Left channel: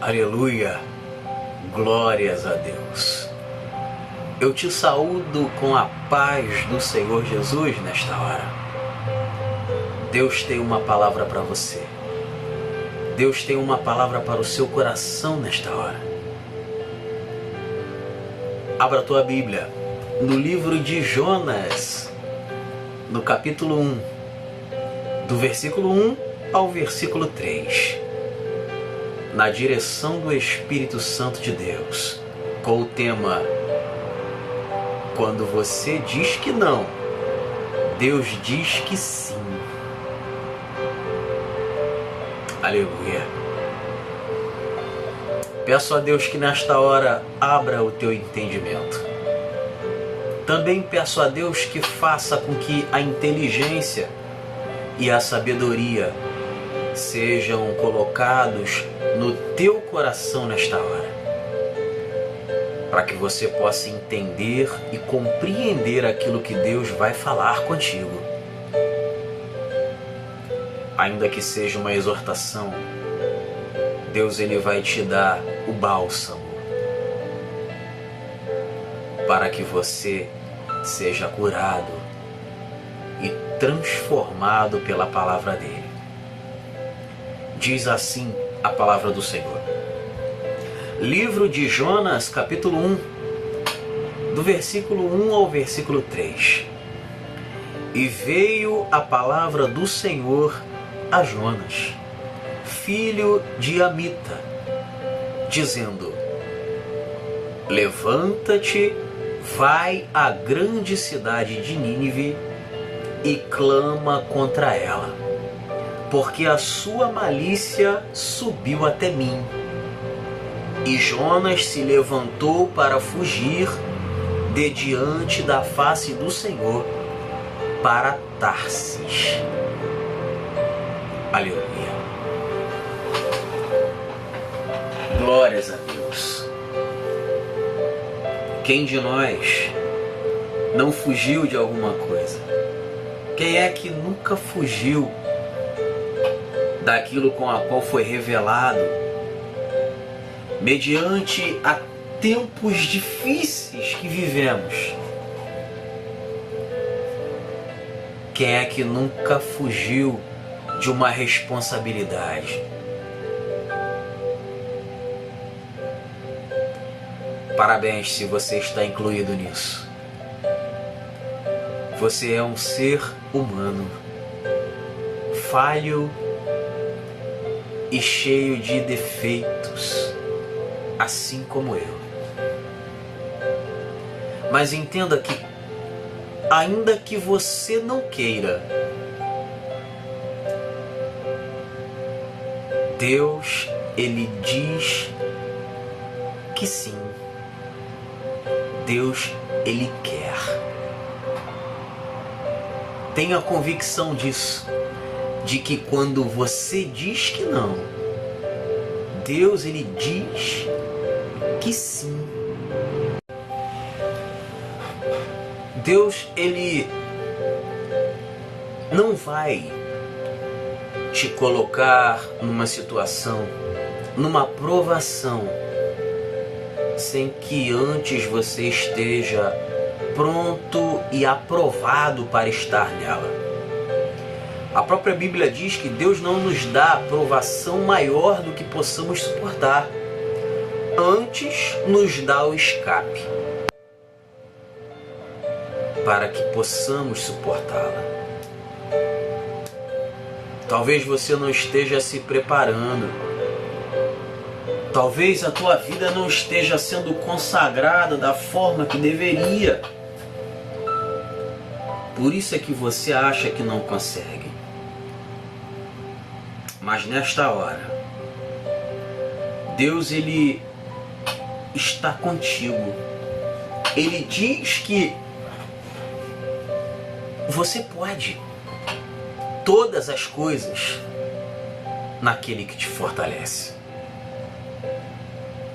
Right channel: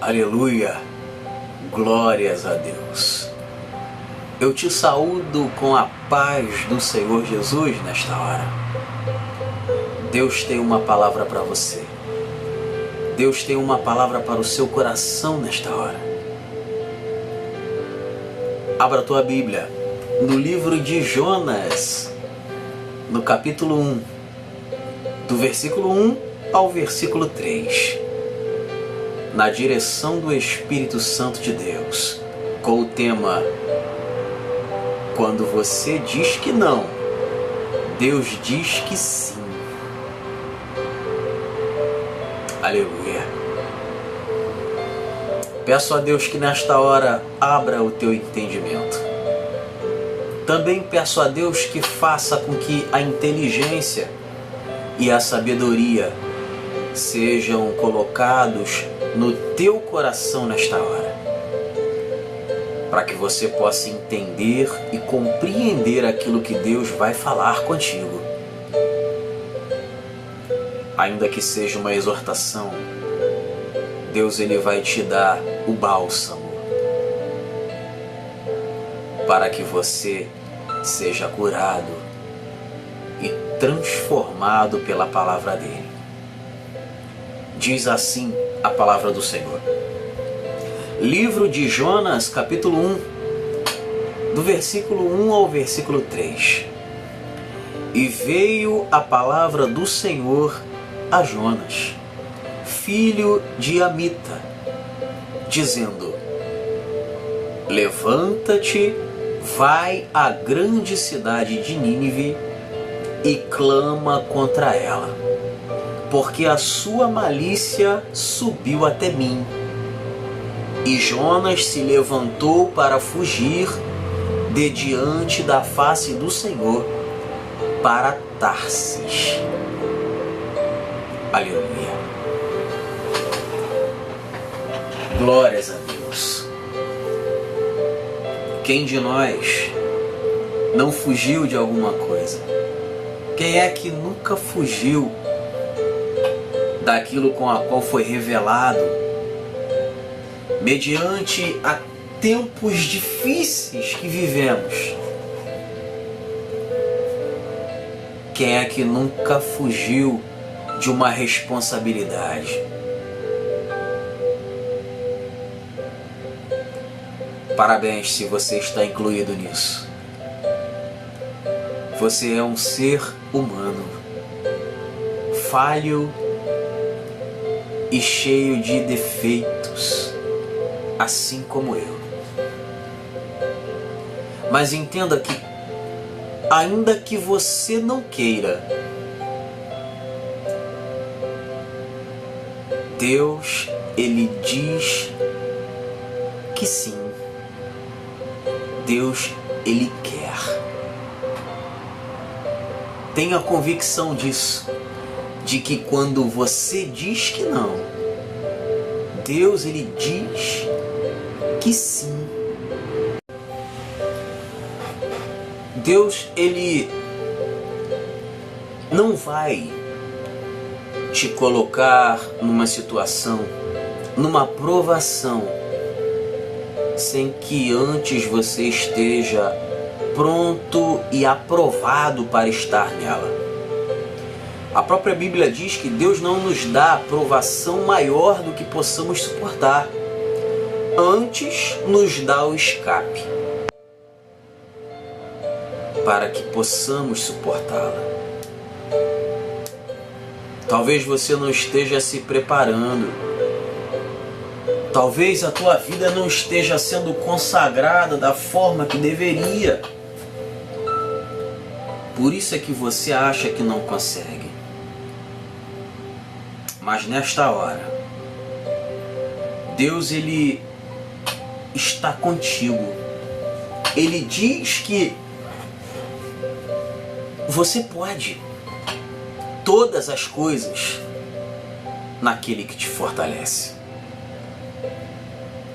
Aleluia, glórias a Deus. Eu te saúdo com a paz do Senhor Jesus nesta hora. Deus tem uma palavra para você. Deus tem uma palavra para o seu coração nesta hora. Abra a tua Bíblia no livro de Jonas, no capítulo 1, do versículo 1 ao versículo 3. Na direção do Espírito Santo de Deus, com o tema: quando você diz que não, Deus diz que sim. Aleluia. Peço a Deus que nesta hora abra o teu entendimento. Também peço a Deus que faça com que a inteligência e a sabedoria sejam colocados no teu coração nesta hora, para que você possa entender e compreender aquilo que Deus vai falar contigo. Ainda que seja uma exortação, Deus ele vai te dar o bálsamo para que você seja curado e transformado pela palavra dele. Diz assim a palavra do Senhor. Livro de Jonas, capítulo 1, do versículo 1 ao versículo 3. E veio a palavra do Senhor a Jonas, filho de Amita, dizendo: levanta-te, vai à grande cidade de Nínive e clama contra ela, porque a sua malícia subiu até mim. E Jonas se levantou para fugir de diante da face do Senhor para Tarsis. Aleluia. Glórias a Deus. Quem de nós não fugiu de alguma coisa? Quem é que nunca fugiu daquilo com a qual foi revelado mediante a tempos difíceis que vivemos? Quem é que nunca fugiu de uma responsabilidade? Parabéns se você está incluído nisso. Você é um ser humano, falho e cheio de defeitos, assim como eu. Mas entenda que, ainda que você não queira, Deus, ele diz que sim. Deus, ele quer. Tenha a convicção disso, de que quando você diz que não, Deus, ele diz que sim. Deus, ele não vai te colocar numa situação, numa provação, sem que antes você esteja pronto e aprovado para estar nela. A própria Bíblia diz que Deus não nos dá aprovação maior do que possamos suportar. Antes nos dá o escape, para que possamos suportá-la. Talvez você não esteja se preparando. Talvez a tua vida não esteja sendo consagrada da forma que deveria. Por isso é que você acha que não consegue. Mas nesta hora, Deus, ele está contigo. Ele diz que você pode todas as coisas naquele que te fortalece.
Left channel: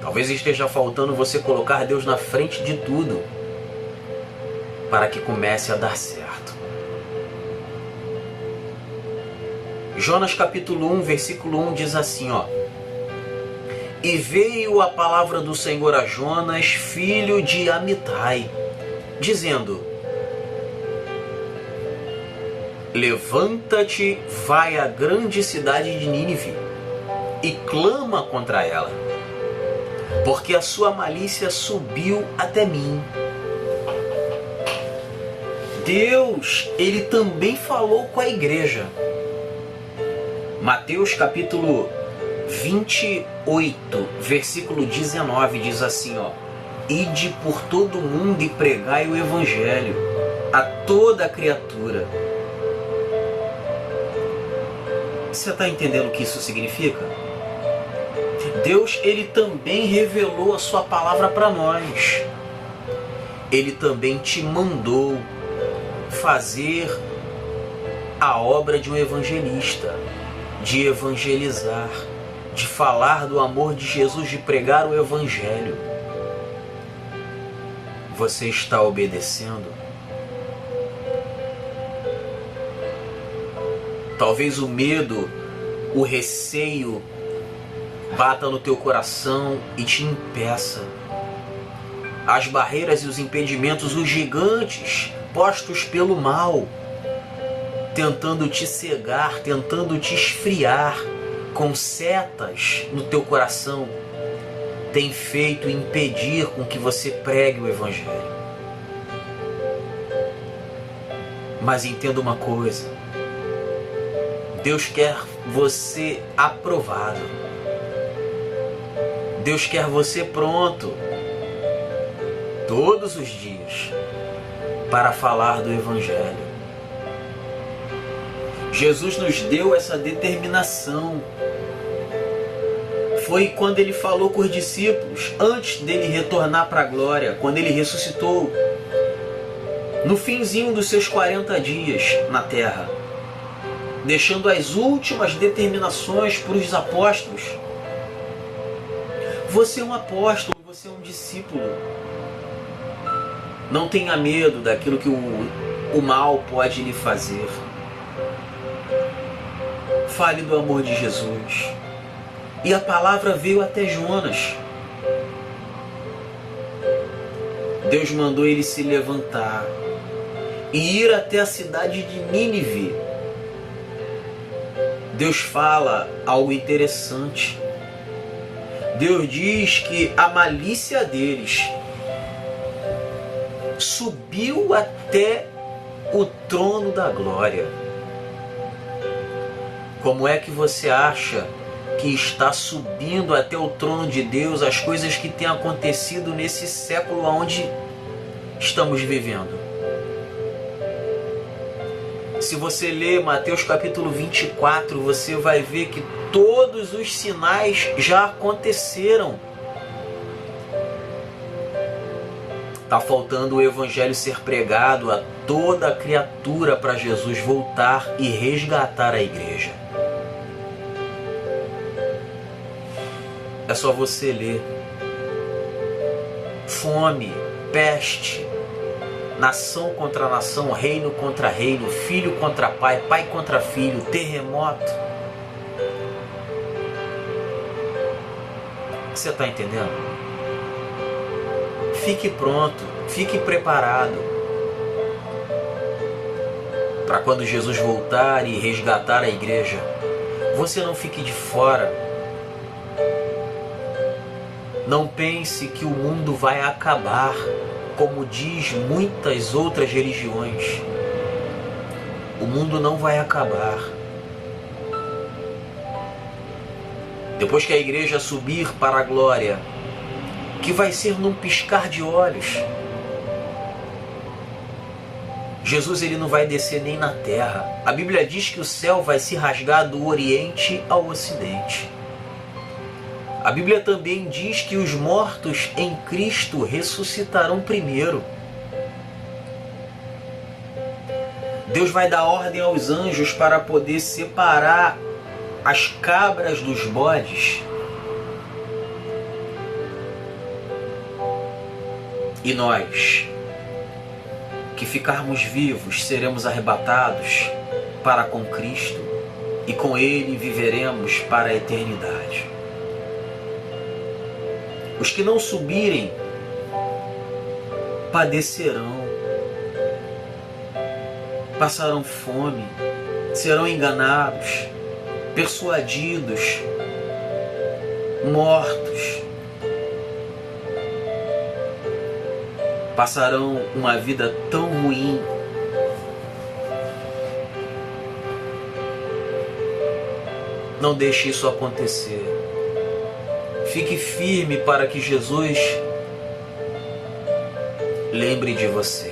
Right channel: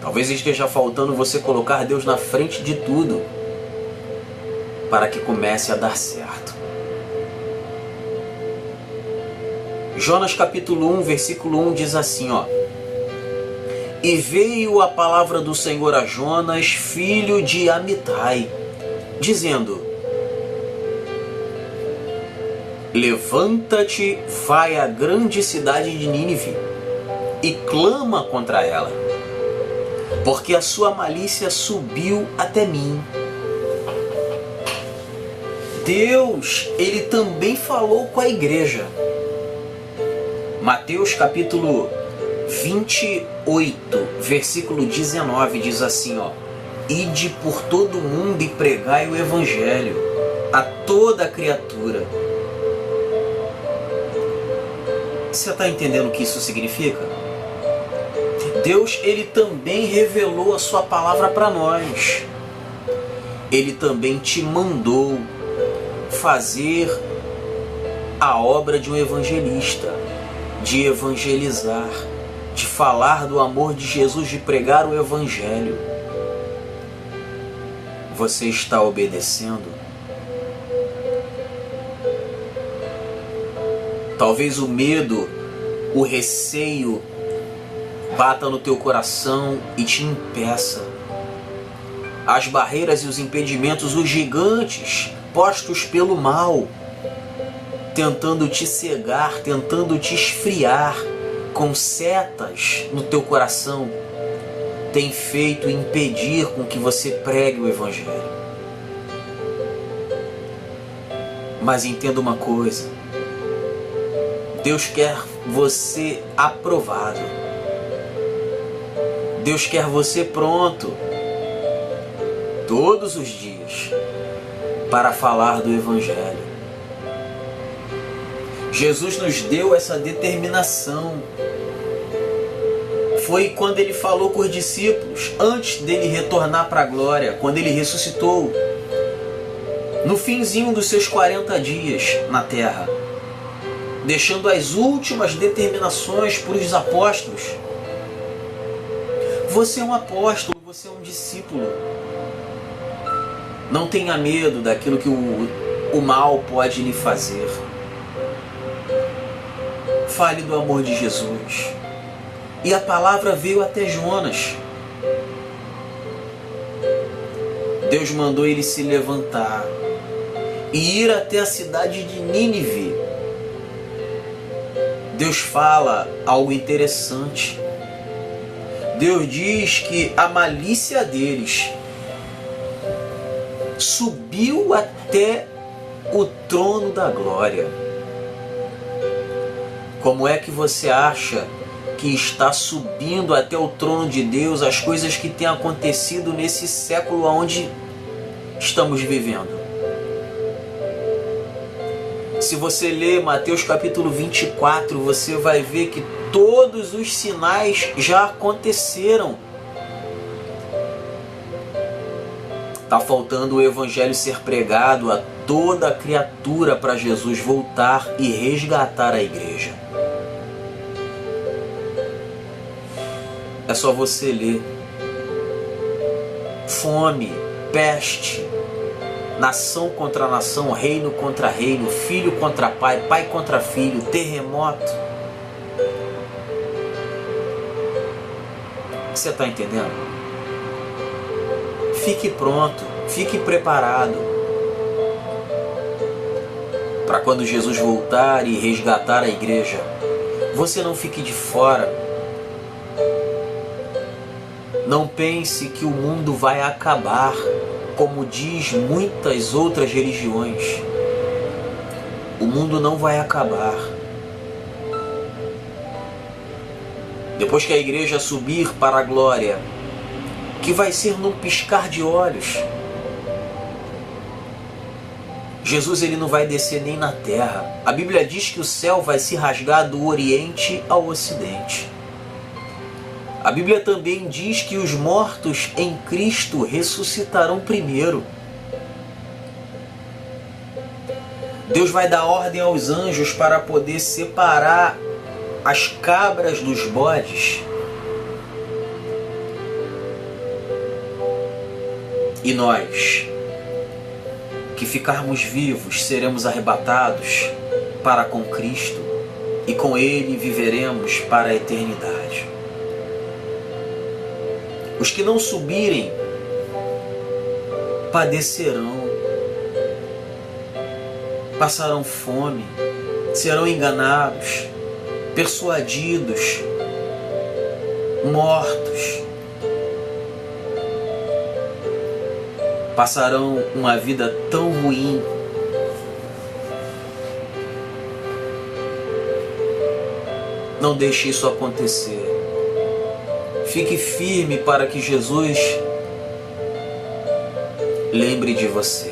Talvez esteja faltando você colocar Deus na frente de tudo para que comece a dar certo. Jonas capítulo 1, versículo 1 diz assim, E veio a palavra do Senhor a Jonas, filho de Amitai, dizendo: levanta-te, vai à grande cidade de Nínive e clama contra ela, porque a sua malícia subiu até mim. Deus, ele também falou com a igreja. Mateus capítulo 28, versículo 19, diz assim, ó: ide por todo o mundo e pregai o evangelho a toda criatura. Você está entendendo o que isso significa? Deus, ele também revelou a sua palavra para nós. Ele também te mandou fazer a obra de um evangelista, de evangelizar, de falar do amor de Jesus, de pregar o evangelho. Você está obedecendo? Talvez o medo, o receio bata no teu coração e te impeça. As barreiras e os impedimentos, os gigantes postos pelo mal, tentando te cegar, tentando te esfriar com setas no teu coração, tem feito impedir com que você pregue o evangelho. Mas entenda uma coisa: Deus quer você aprovado. Deus quer você pronto todos os dias para falar do evangelho. Jesus nos deu essa determinação. Foi quando ele falou com os discípulos, antes dele retornar para a glória, quando ele ressuscitou, no finzinho dos seus 40 dias na terra, deixando as últimas determinações para os apóstolos. Você é um apóstolo, você é um discípulo. Não tenha medo daquilo que o mal pode lhe fazer. Fale do amor de Jesus. E a palavra veio até Jonas. Deus mandou ele se levantar e ir até a cidade de Nínive. Deus fala algo interessante. Deus diz que a malícia deles subiu até o trono da glória. Como é que você acha que está subindo até o trono de Deus as coisas que têm acontecido nesse século onde estamos vivendo? Se você ler Mateus capítulo 24, você vai ver que todos os sinais já aconteceram. Está faltando o evangelho ser pregado a toda a criatura para Jesus voltar e resgatar a igreja. É só você ler. Fome, peste, nação contra nação, reino contra reino, filho contra pai, pai contra filho, terremoto. Você está entendendo? Fique pronto, fique preparado para quando Jesus voltar e resgatar a igreja, você não fique de fora. Não pense que o mundo vai acabar, como diz muitas outras religiões. O mundo não vai acabar. Depois que a igreja subir para a glória, que vai ser num piscar de olhos, Jesus ele não vai descer nem na terra. A Bíblia diz que o céu vai se rasgar do oriente ao ocidente. A Bíblia também diz que os mortos em Cristo ressuscitarão primeiro. Deus vai dar ordem aos anjos para poder separar as cabras dos bodes. E nós, que ficarmos vivos, seremos arrebatados para com Cristo e com Ele viveremos para a eternidade. Os que não subirem padecerão, passarão fome, serão enganados, persuadidos, mortos. Passarão uma vida tão ruim. Não deixe isso acontecer. Fique firme para que Jesus lembre de você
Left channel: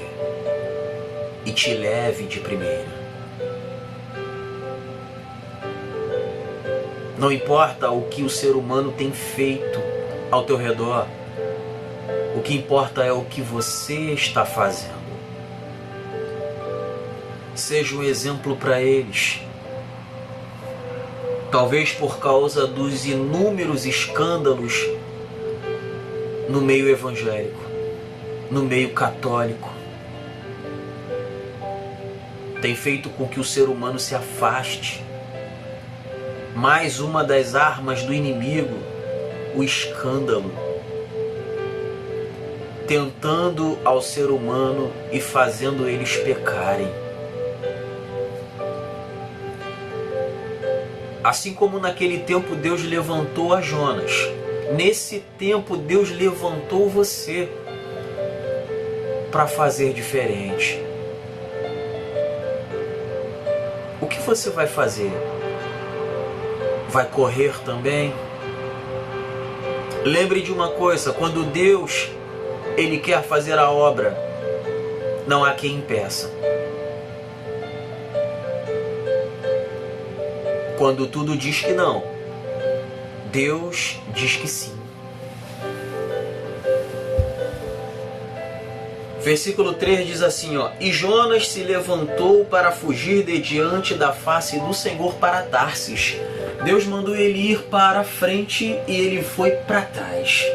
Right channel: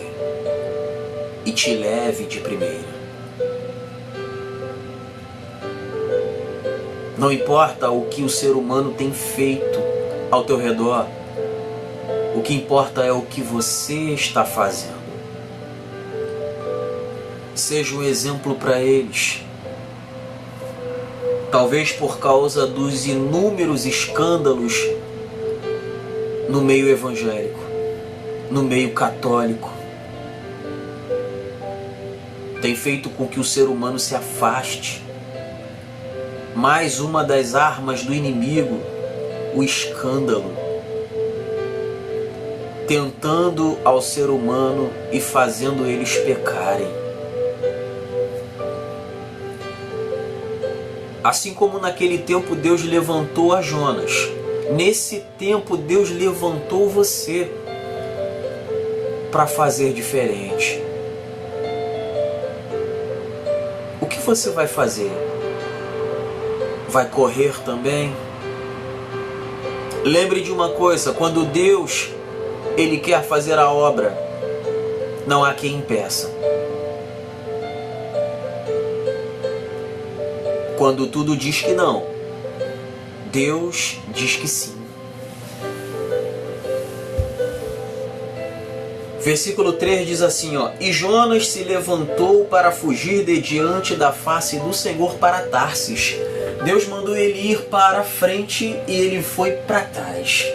e te leve de primeira. Não importa o que o ser humano tem feito ao teu redor, o que importa é o que você está fazendo. Seja um exemplo para eles. Talvez por causa dos inúmeros escândalos no meio evangélico, no meio católico, tem feito com que o ser humano se afaste. Mais uma das armas do inimigo, o escândalo, tentando ao ser humano e fazendo eles pecarem. Assim como naquele tempo Deus levantou a Jonas, nesse tempo Deus levantou você para fazer diferente. O que você vai fazer? Vai correr também? Lembre de uma coisa, quando Deus Ele quer fazer a obra, não há quem impeça. Quando tudo diz que não, Deus diz que sim. Versículo 3 diz assim, E Jonas se levantou para fugir de diante da face do Senhor para Tarsis. Deus mandou ele ir para a frente e ele foi para trás.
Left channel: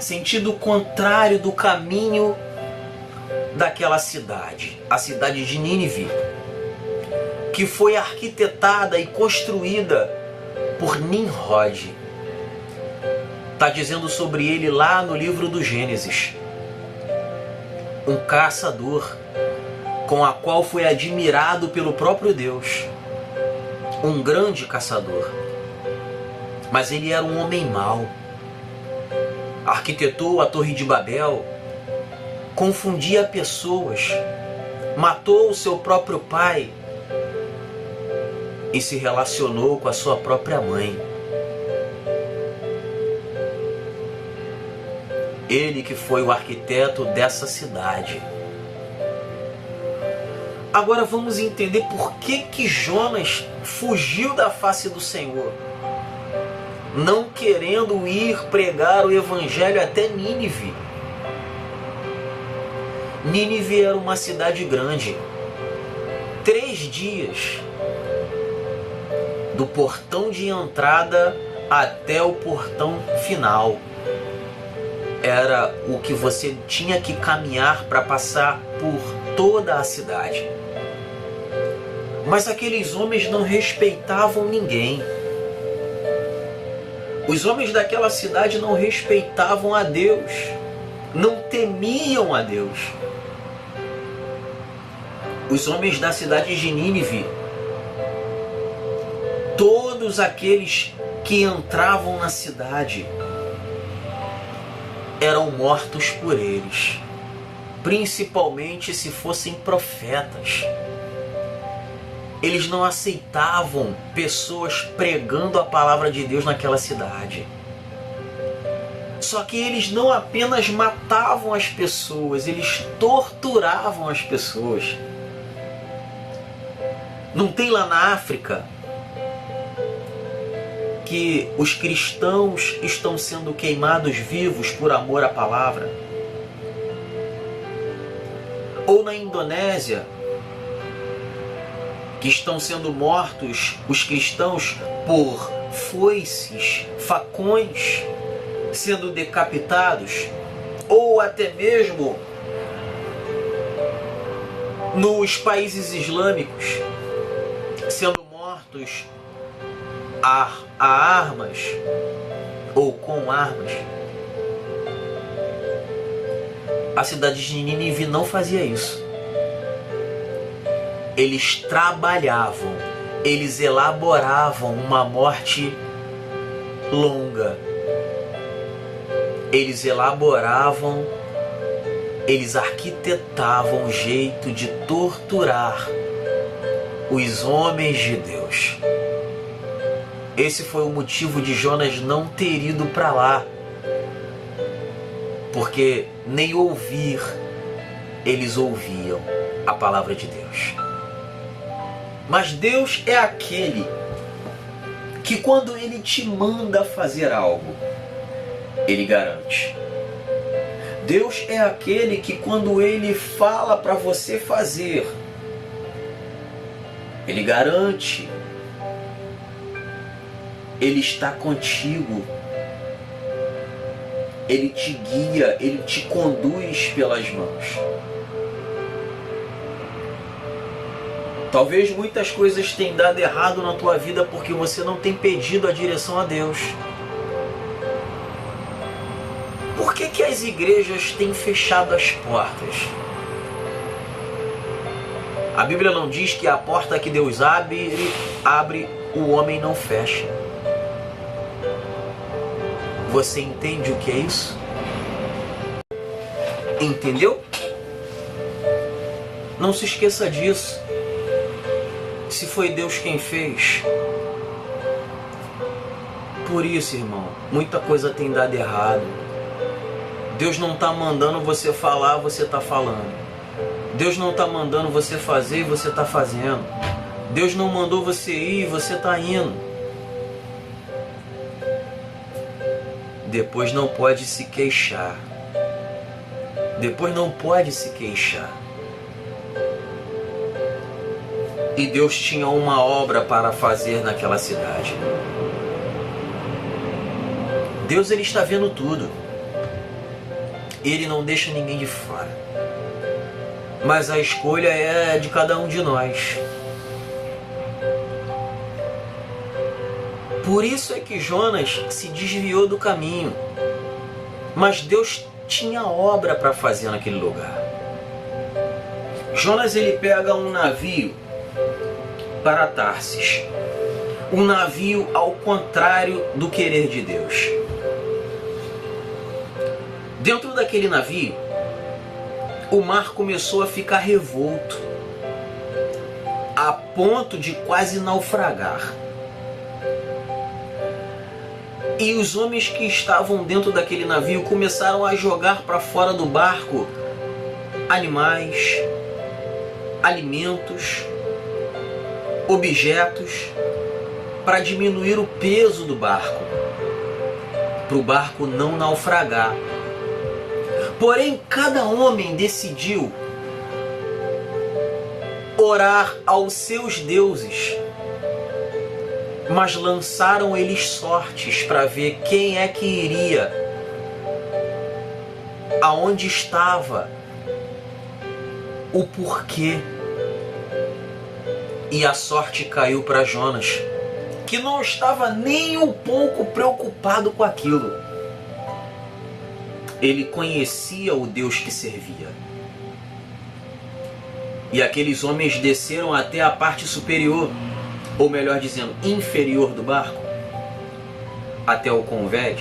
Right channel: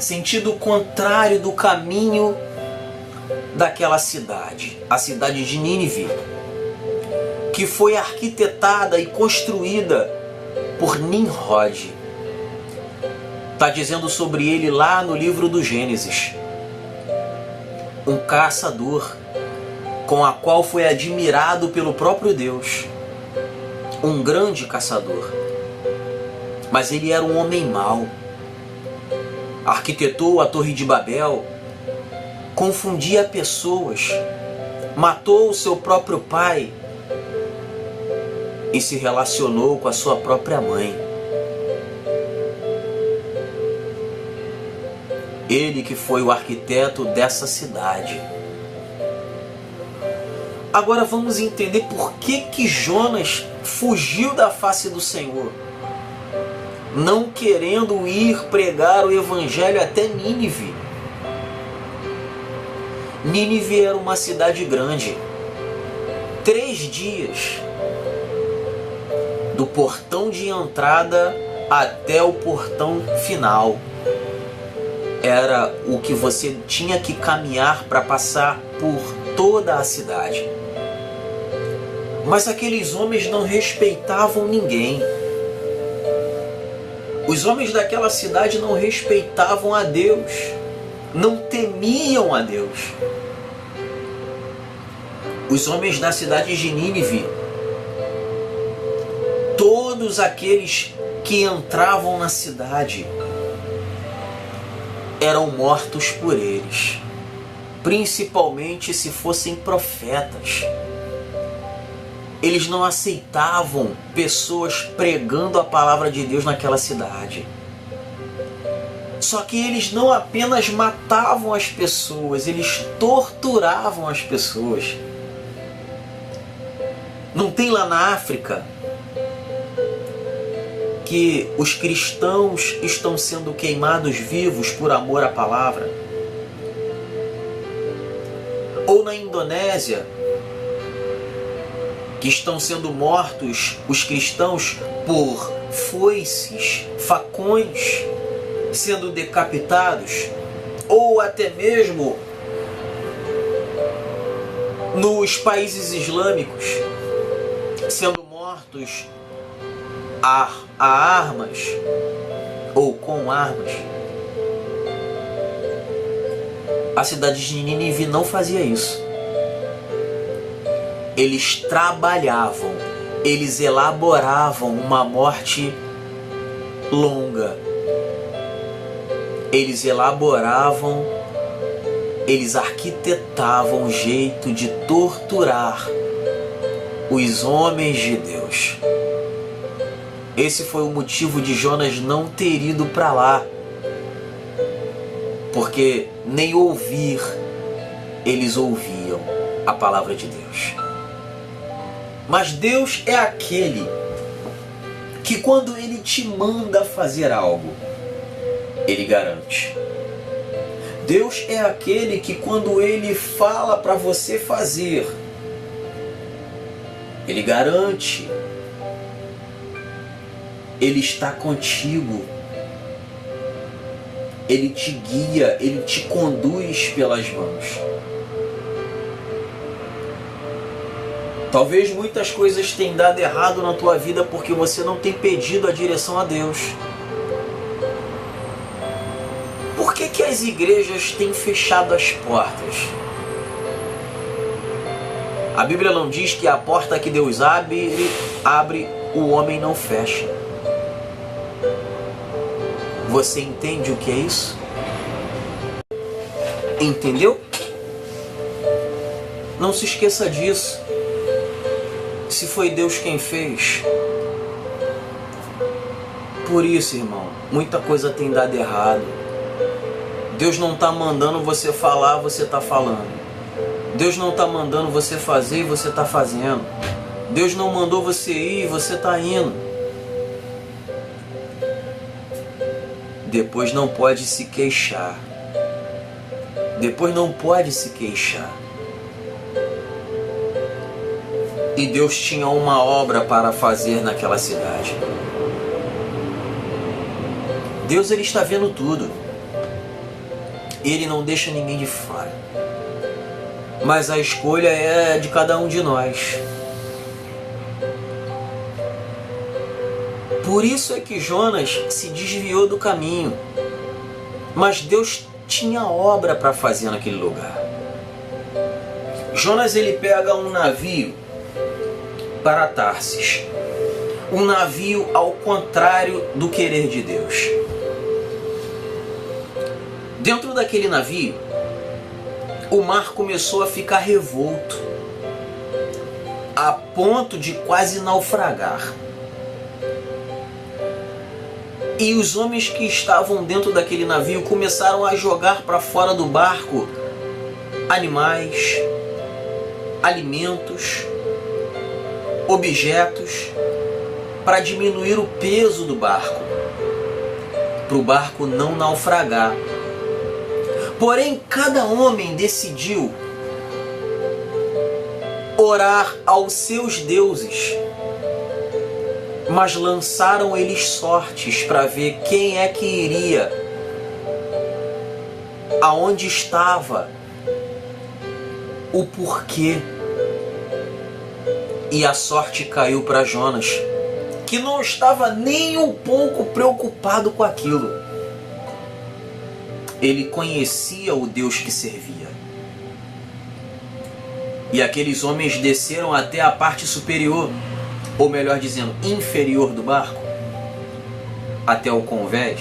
Sentido contrário do caminho daquela cidade, a cidade de Nínive, que foi arquitetada e construída por Nimrod. Está dizendo sobre ele lá no livro do Gênesis. Um caçador, com a qual foi admirado pelo próprio Deus. Um grande caçador. Mas ele era um homem mau. Arquitetou a Torre de Babel, confundia pessoas, matou o seu próprio pai e se relacionou com a sua própria mãe. Ele que foi o arquiteto dessa cidade. Agora vamos entender por que Jonas fugiu da face do Senhor, não querendo ir pregar o evangelho até Nínive. Nínive era uma cidade grande. 3 dias do portão de entrada até o portão final era o que você tinha que caminhar para passar por toda a cidade. Mas aqueles homens não respeitavam ninguém. Os homens daquela cidade não respeitavam a Deus, não temiam a Deus. Os homens da cidade de Nínive, todos aqueles que entravam na cidade eram mortos por eles, principalmente se fossem profetas. Eles não aceitavam pessoas pregando a palavra de Deus naquela cidade. Só que eles não apenas matavam as pessoas, eles torturavam as pessoas. Não tem lá na África que os cristãos estão sendo queimados vivos por amor à palavra? Ou na Indonésia, que estão sendo mortos os cristãos por foices, facões, sendo decapitados? Ou até mesmo nos países islâmicos, sendo mortos a armas, ou com armas. A cidade de Nínive não fazia isso. Eles trabalhavam, eles elaboravam uma morte longa. Eles elaboravam, eles arquitetavam um jeito de torturar os homens de Deus. Esse foi o motivo de Jonas não ter ido para lá, porque nem ouvir eles ouviam a palavra de Deus. Mas Deus é aquele que quando Ele te manda fazer algo, Ele garante. Deus é aquele que quando Ele fala para você fazer, Ele garante. Ele está contigo. Ele te guia, Ele te conduz pelas mãos. Talvez muitas coisas tenham dado errado na tua vida porque você não tem pedido a direção a Deus. Por que as igrejas têm fechado as portas? A Bíblia não diz que a porta que Deus abre, o homem não fecha. Você entende o que é isso? Entendeu? Não se esqueça disso. Se foi Deus quem fez. Por isso, irmão, muita coisa tem dado errado. Deus não está mandando você falar, você está falando. Deus não está mandando você fazer, você está fazendo. Deus não mandou você ir, você está indo. Depois não pode se queixar. Depois não pode se queixar. E Deus tinha uma obra para fazer naquela cidade. Deus, Ele está vendo tudo. Ele não deixa ninguém de fora. Mas a escolha é de cada um de nós. Por isso é que Jonas se desviou do caminho. Mas Deus tinha obra para fazer naquele lugar. Jonas, ele pega um navio para Tarsis. Um navio ao contrário do querer de Deus. Dentro daquele navio, o mar começou a ficar revolto, a ponto de quase naufragar. E os homens que estavam dentro daquele navio começaram a jogar para fora do barco animais, alimentos, objetos, para diminuir o peso do barco, para o barco não naufragar. Porém, cada homem decidiu orar aos seus deuses, mas lançaram eles sortes para ver quem é que iria, aonde estava, o porquê. E a sorte caiu para Jonas, que não estava nem um pouco preocupado com aquilo. Ele conhecia o Deus que servia. E aqueles homens desceram até a parte superior, ou melhor dizendo, inferior do barco, até o convés,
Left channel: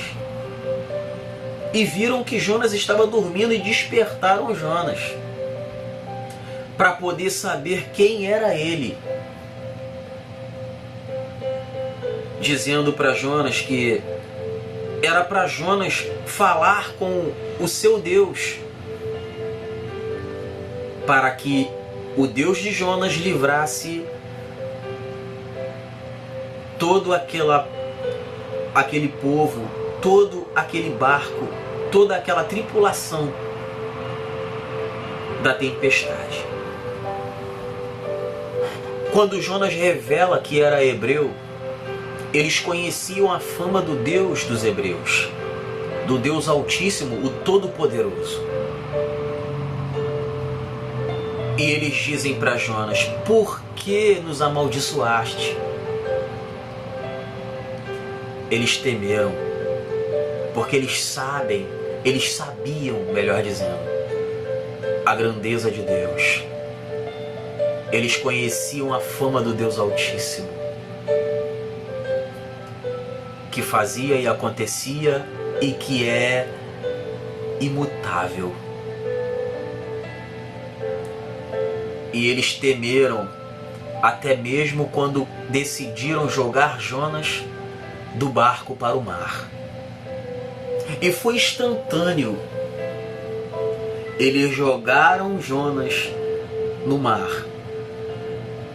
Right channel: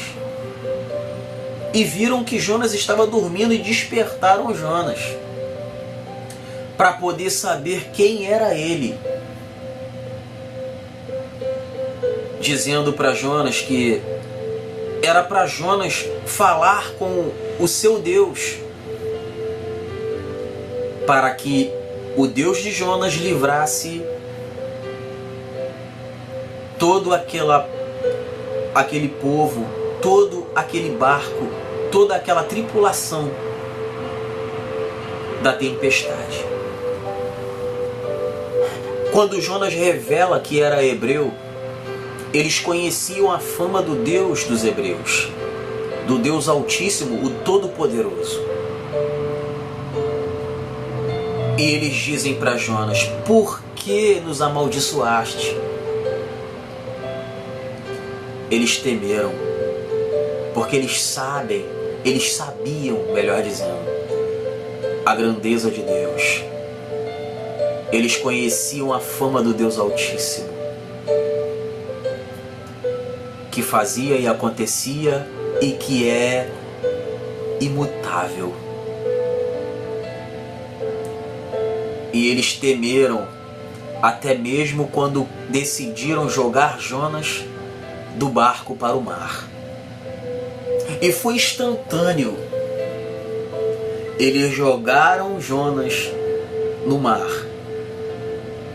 e viram que Jonas estava dormindo e despertaram Jonas, para poder saber quem era ele, dizendo para Jonas que era para Jonas falar com o seu Deus, para que o Deus de Jonas livrasse todo aquele povo, todo aquele barco, toda aquela tripulação da tempestade. Quando Jonas revela que era hebreu, eles conheciam a fama do Deus dos hebreus, do Deus Altíssimo, o Todo-Poderoso. E eles dizem para Jonas: por que nos amaldiçoaste? Eles temeram, porque eles sabiam, melhor dizendo, a grandeza de Deus. Eles conheciam a fama do Deus Altíssimo, que fazia e acontecia e que é imutável. E eles temeram até mesmo quando decidiram jogar Jonas do barco para o mar. E foi instantâneo. Eles jogaram Jonas no mar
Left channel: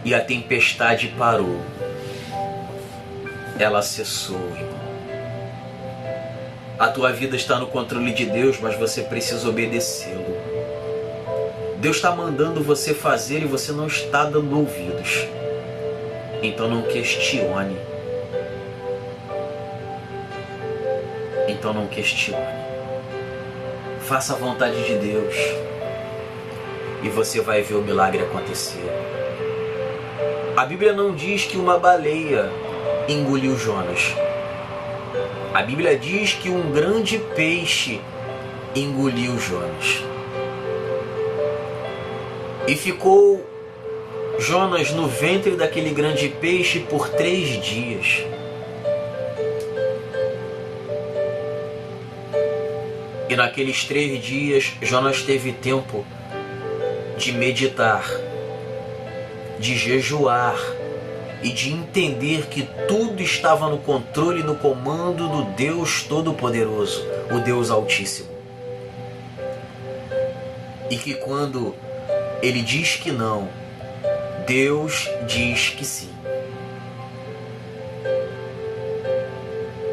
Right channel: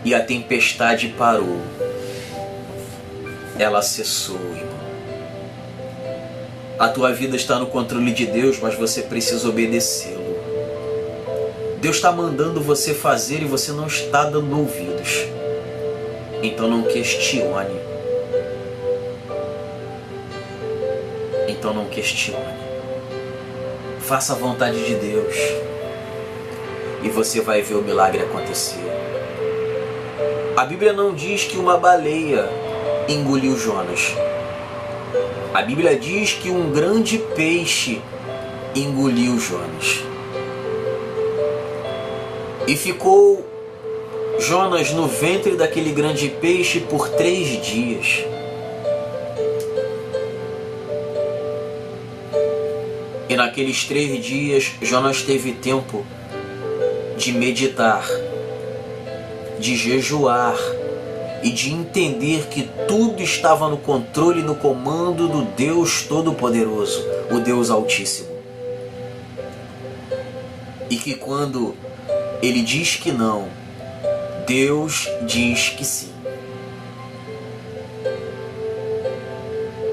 e a tempestade parou. Ela cessou, irmão. A tua vida está no controle de Deus, mas você precisa obedecê-lo. Deus está mandando você fazer e você não está dando ouvidos. Então não questione. Então não questione. Faça a vontade de Deus e você vai ver o milagre acontecer. A Bíblia não diz que uma baleia engoliu Jonas. A Bíblia diz que um grande peixe engoliu Jonas. E ficou Jonas no ventre daquele grande peixe por 3 dias. E naqueles 3 dias, Jonas teve tempo de meditar, de jejuar e de entender que tudo estava no controle e no comando do Deus Todo-Poderoso, o Deus Altíssimo. E que quando Ele diz que não, Deus diz que sim.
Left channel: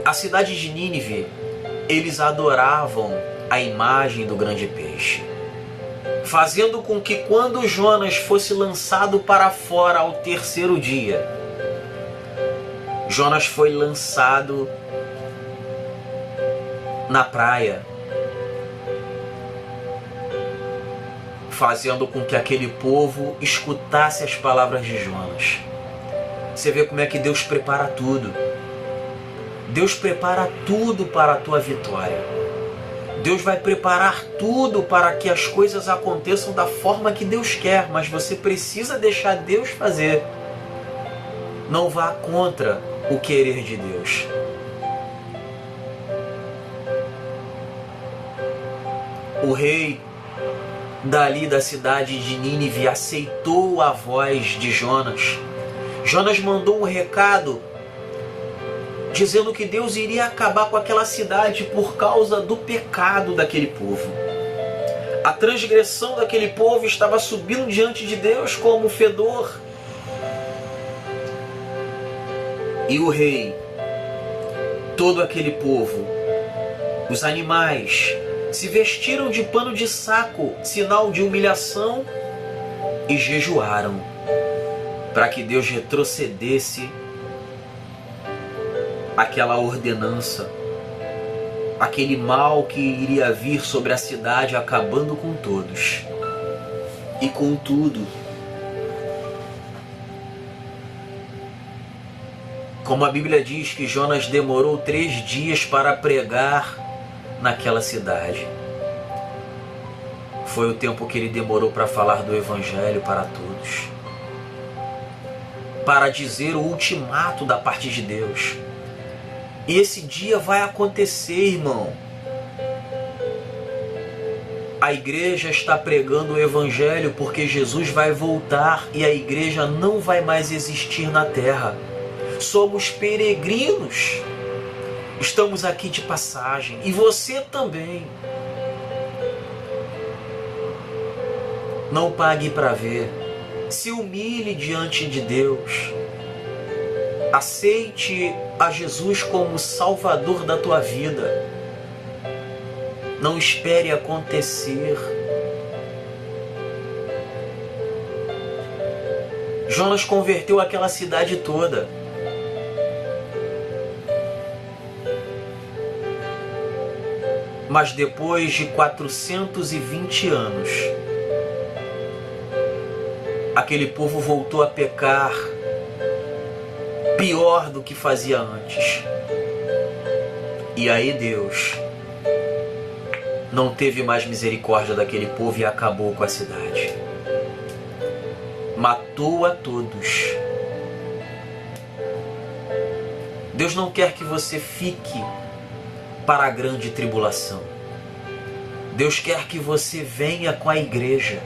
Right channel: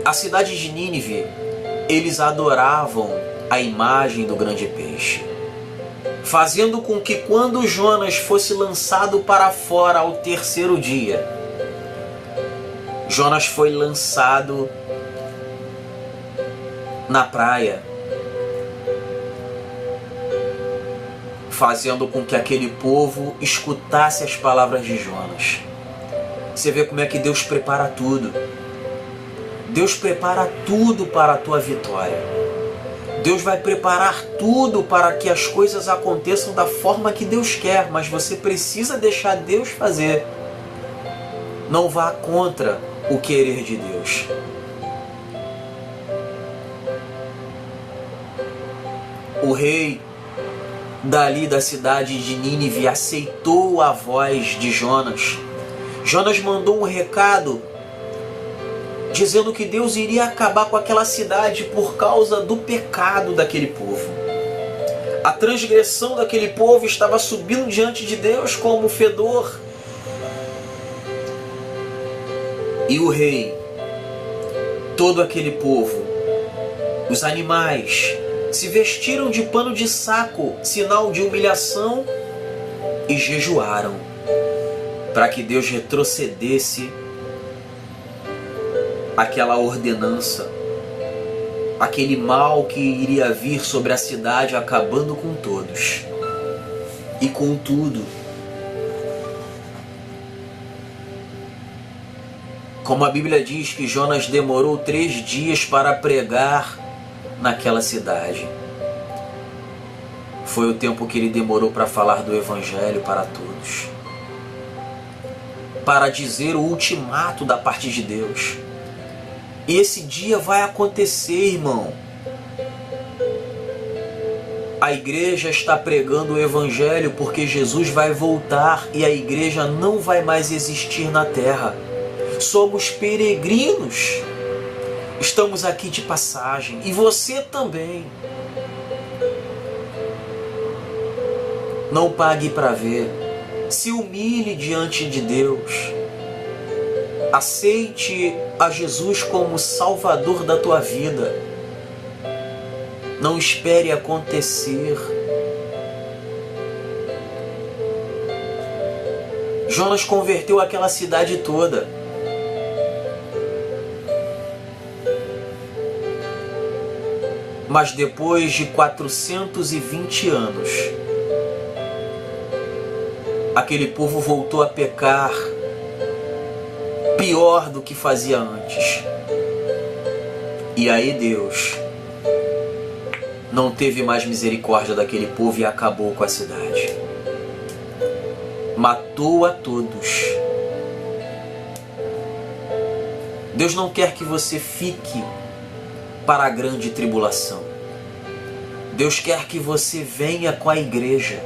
A cidade de Nínive, eles adoravam a imagem do grande peixe, fazendo com que quando Jonas fosse lançado para fora ao 3º dia, Jonas foi lançado na praia, fazendo com que aquele povo escutasse as palavras de Jonas. Você vê como é que Deus prepara tudo. Deus prepara tudo para a tua vitória. Deus vai preparar tudo para que as coisas aconteçam da forma que Deus quer, mas você precisa deixar Deus fazer. Não vá contra o querer de Deus. O rei dali da cidade de Nínive aceitou a voz de Jonas. Jonas mandou um recado dizendo que Deus iria acabar com aquela cidade por causa do pecado daquele povo. A transgressão daquele povo estava subindo diante de Deus como fedor. E o rei, todo aquele povo, os animais, se vestiram de pano de saco, sinal de humilhação, e jejuaram para que Deus retrocedesse aquela ordenança, aquele mal que iria vir sobre a cidade, acabando com todos e com tudo. Como a Bíblia diz que Jonas demorou 3 dias para pregar naquela cidade. Foi o tempo que ele demorou para falar do Evangelho para todos, para dizer o ultimato da parte de Deus. E esse dia vai acontecer, irmão. A igreja está pregando o Evangelho porque Jesus vai voltar e a igreja não vai mais existir na terra. Somos peregrinos. Estamos aqui de passagem. E você também. Não pague para ver. Se humilhe diante de Deus. Aceite a Jesus como Salvador da tua vida. Não espere acontecer. Jonas converteu aquela cidade toda. Mas depois de 420 anos, aquele povo voltou a pecar pior do que fazia antes. E aí Deus não teve mais misericórdia daquele povo e acabou com a cidade. Matou a todos. Deus não quer que você fique para a grande tribulação. Deus quer que você venha com a igreja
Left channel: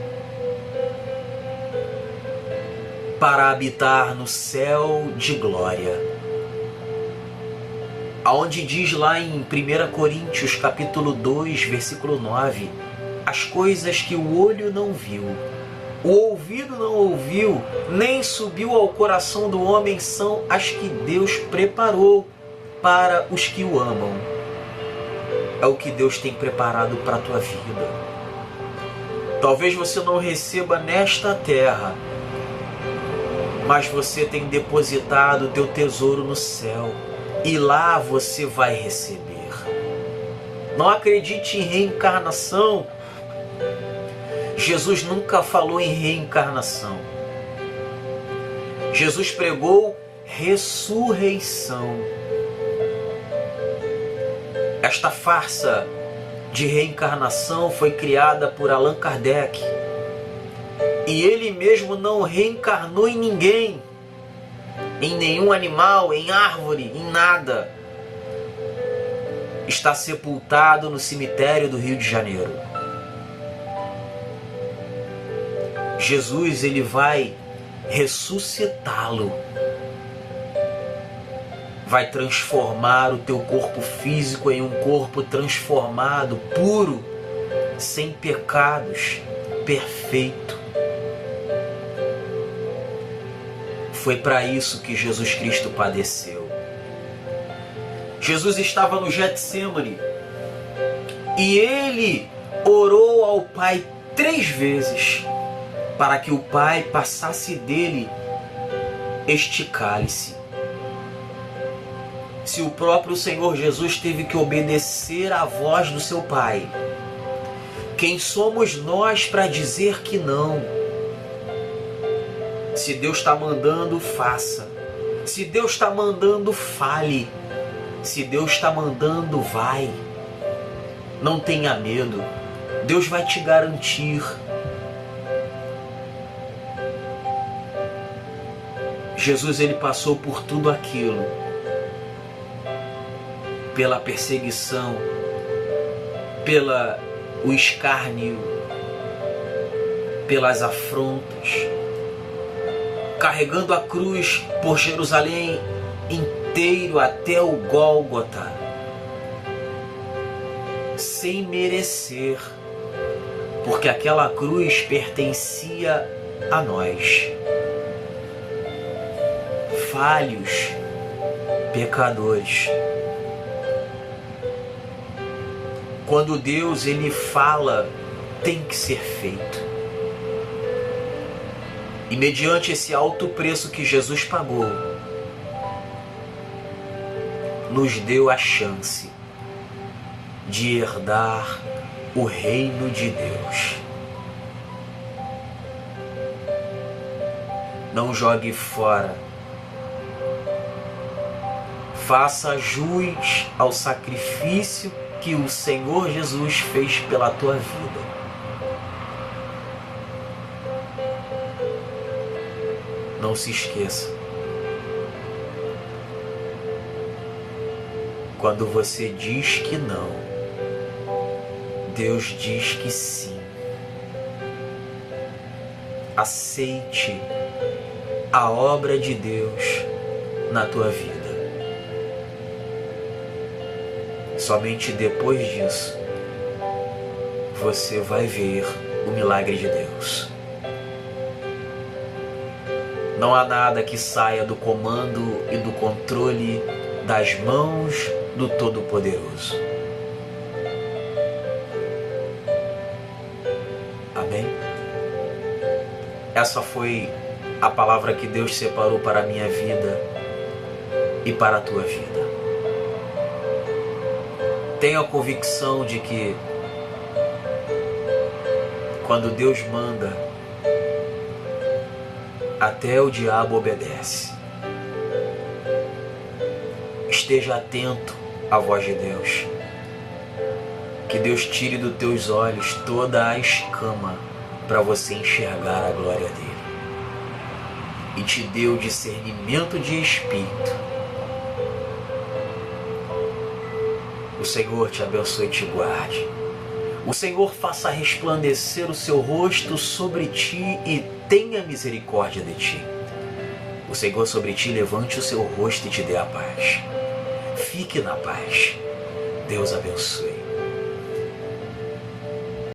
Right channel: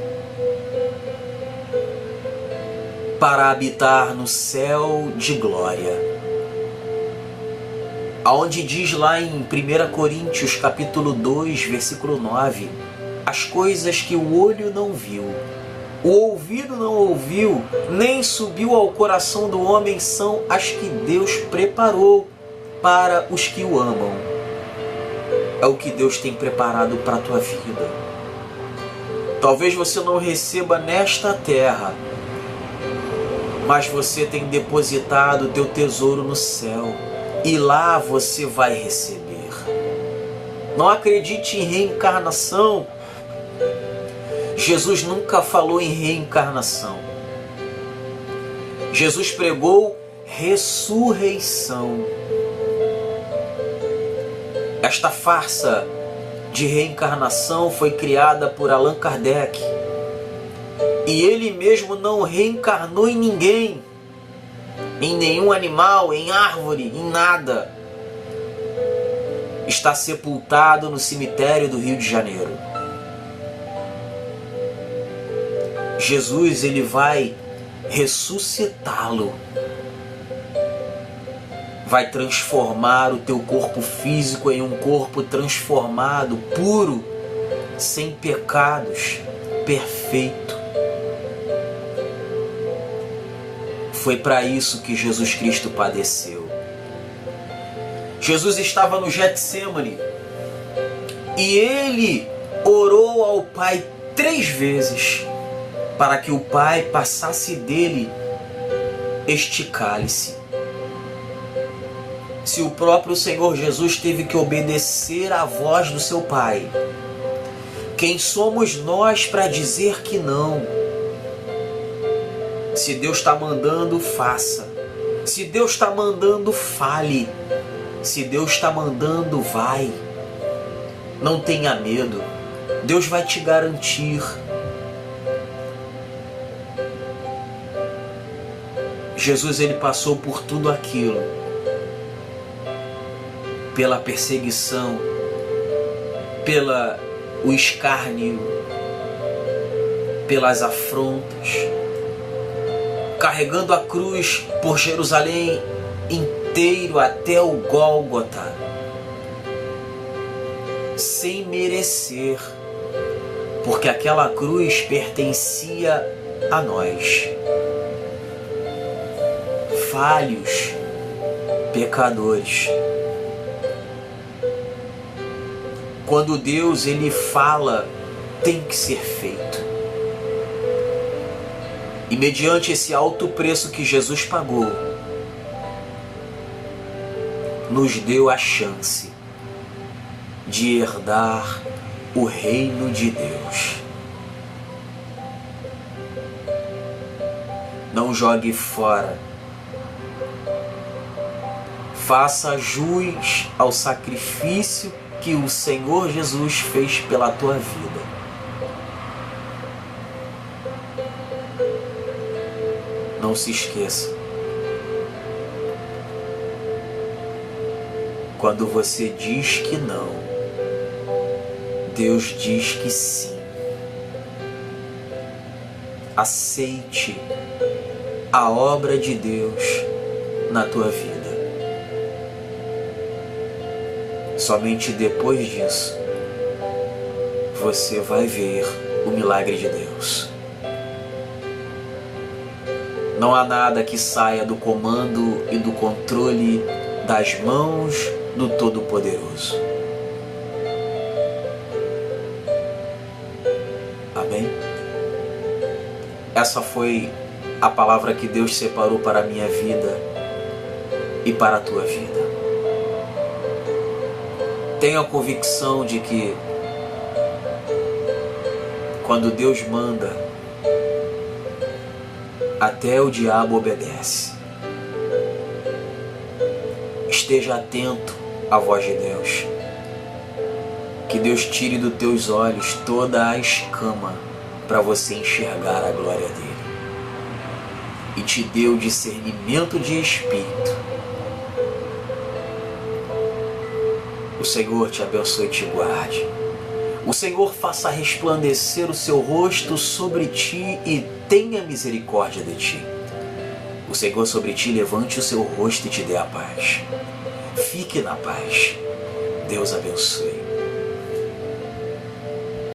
para habitar no céu de glória. Aonde diz lá em 1 Coríntios capítulo 2, versículo 9, as coisas que o olho não viu, o ouvido não ouviu, nem subiu ao coração do homem, são as que Deus preparou para os que o amam. É o que Deus tem preparado para a tua vida. Talvez você não receba nesta terra, mas você tem depositado o teu tesouro no céu. E lá você vai receber. Não acredite em reencarnação. Jesus nunca falou em reencarnação. Jesus pregou ressurreição. Esta farsa de reencarnação foi criada por Allan Kardec. E ele mesmo não reencarnou em ninguém. Em nenhum animal, em árvore, em nada. Está sepultado no cemitério do Rio de Janeiro. Jesus, ele vai ressuscitá-lo. Vai transformar o teu corpo físico em um corpo transformado, puro, sem pecados, perfeito. Foi para isso que Jesus Cristo padeceu. Jesus estava no Getsêmani e ele orou ao Pai 3 vezes para que o Pai passasse dele este cálice. Se o próprio Senhor Jesus teve que obedecer à voz do seu Pai, quem somos nós para dizer que não? Se Deus está mandando, faça. Se Deus está mandando, fale. Se Deus está mandando, vai. Não tenha medo. Deus vai te garantir. Jesus, ele passou por tudo aquilo. Pela perseguição, pelo escárnio, pelas afrontas, carregando a cruz por Jerusalém inteiro até o Gólgota, sem merecer, porque aquela cruz pertencia a nós, falhos, pecadores. Quando Deus ele fala, tem que ser feito. E mediante esse alto preço que Jesus pagou, nos deu a chance de herdar o reino de Deus. Não jogue fora. Faça jus ao sacrifício que o Senhor Jesus fez pela tua vida. Não se esqueça. Quando você diz que não, Deus diz que sim. Aceite a obra de Deus na tua vida. Somente depois disso, você vai ver o milagre de Deus. Não há nada que saia do comando e do controle das mãos do Todo-Poderoso. Amém? Essa foi a palavra que Deus separou para a minha vida e para a tua vida. Tenha a convicção de que quando Deus manda, até o diabo obedece. Esteja atento a voz de Deus. Que Deus tire dos teus olhos toda a escama para você enxergar a glória dele. E te dê o discernimento de espírito. O Senhor te abençoe e te guarde. O Senhor faça resplandecer o seu rosto sobre ti e tenha misericórdia de ti. O Senhor sobre ti levante o seu rosto e te dê a paz. Fique na paz. Deus abençoe.